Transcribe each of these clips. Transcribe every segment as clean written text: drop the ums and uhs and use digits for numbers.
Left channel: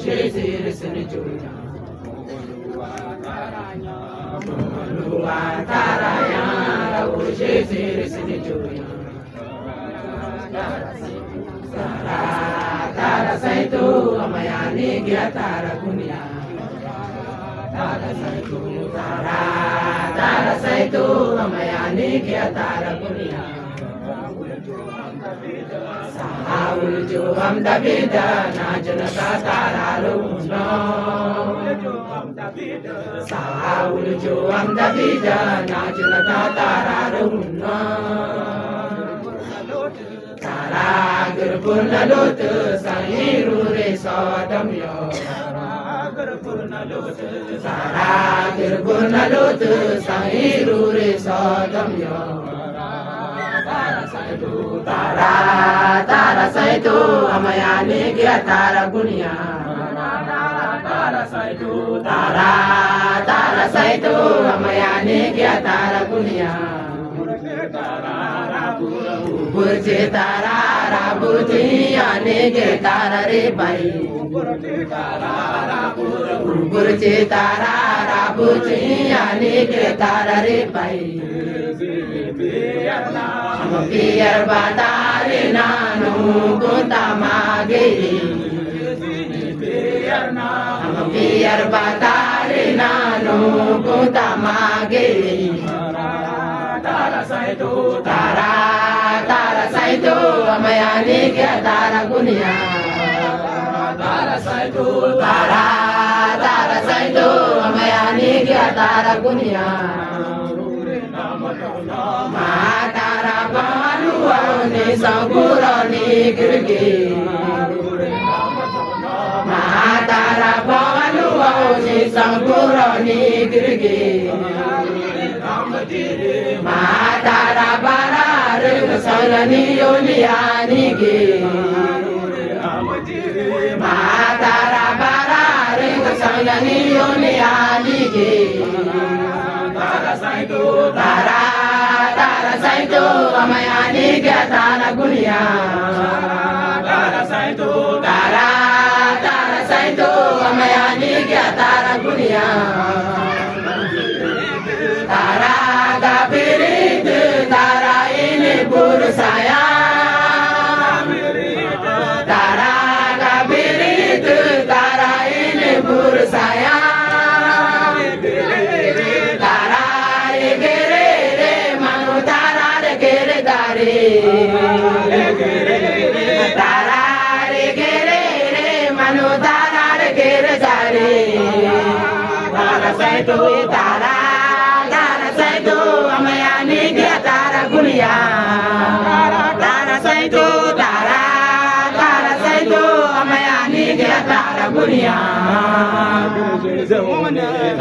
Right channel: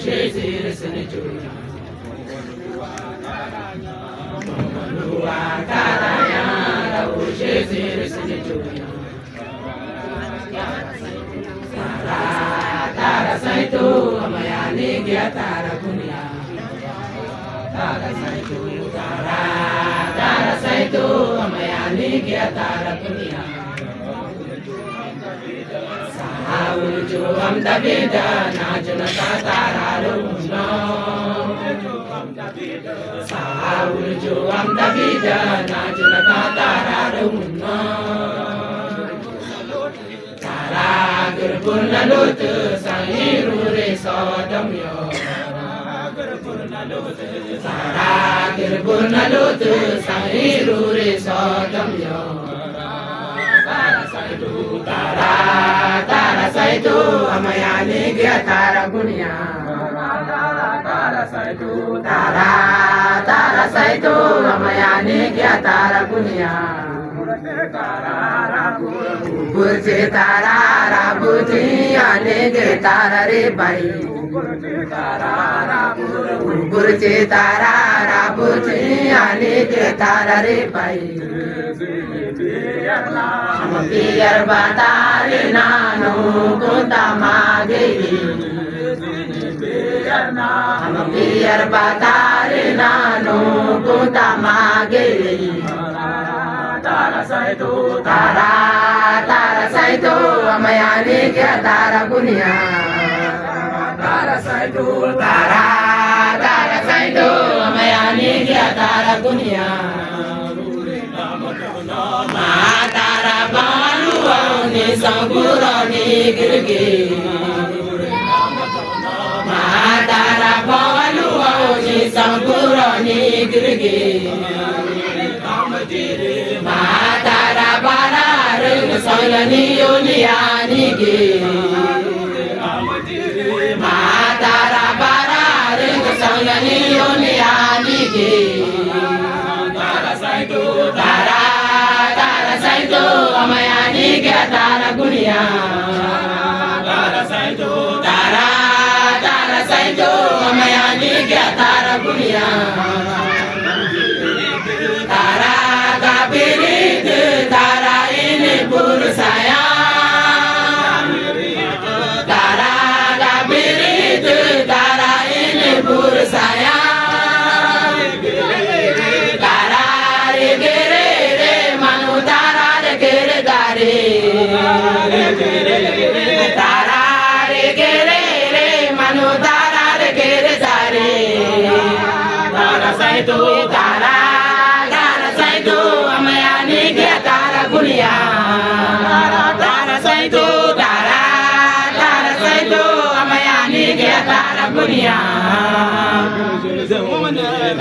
shesir sinichuya Lua karaya rabu shesir sinichuya Tara saitu amayani gya tara kunya Tara saitu amayani gya tara kunya Ulujuam Davida Najunata Tararumno Ulujuam Davida Najunata Tararumno Tara Gurpurna Lutu Sahiru Resodamyo Tara Gurpurna Lutu Sahiru Resodamyo Tara saitu amayani gya tara gunya Tara saitu amayani gya tara gunya Burje tara rabuti ane gya tara re bai Burje tara rabuti ane gya tara re bai Biar batari nanu kota mageli Biar batari nanu kota mageli Tara saitu amayani kya tara gunya Tara saitu amayani kya tara gunya Matara balu ni sangura ni girgi Matara balu ni sangura ni girgi Matara barar salani yoniani gi Matara barar salani yoniani gi Tara saitu amayani gya tara gunya Tara saitu amayani gya tara gunya Tara gapirit tara ini pursaya Tara gapirit tara ini pursaya Tara saitu amayani gya tara gunya Tara saitu amayani gya tara gunya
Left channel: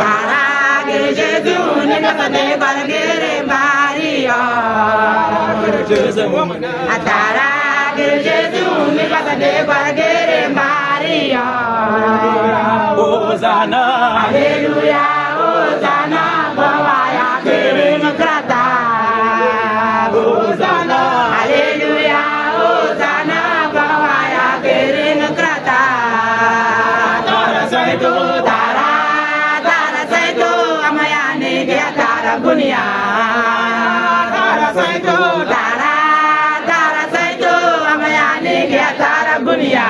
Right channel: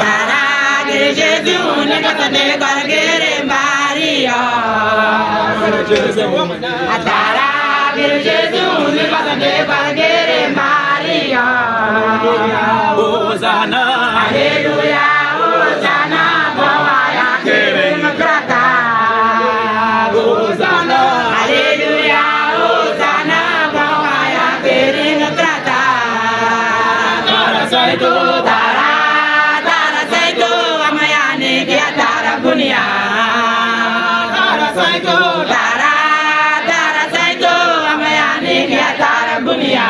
Tara girjeju ni katane kargere mariyo Tara girjeju ni katane kargere mariyo Hosanna Hallelujah Hosanna bawaya kirin krata Hosanna Hallelujah Hosanna bawaya kirin krata Tara saitu amayani gya tara gunya Tara saitu amayani gya tara gunya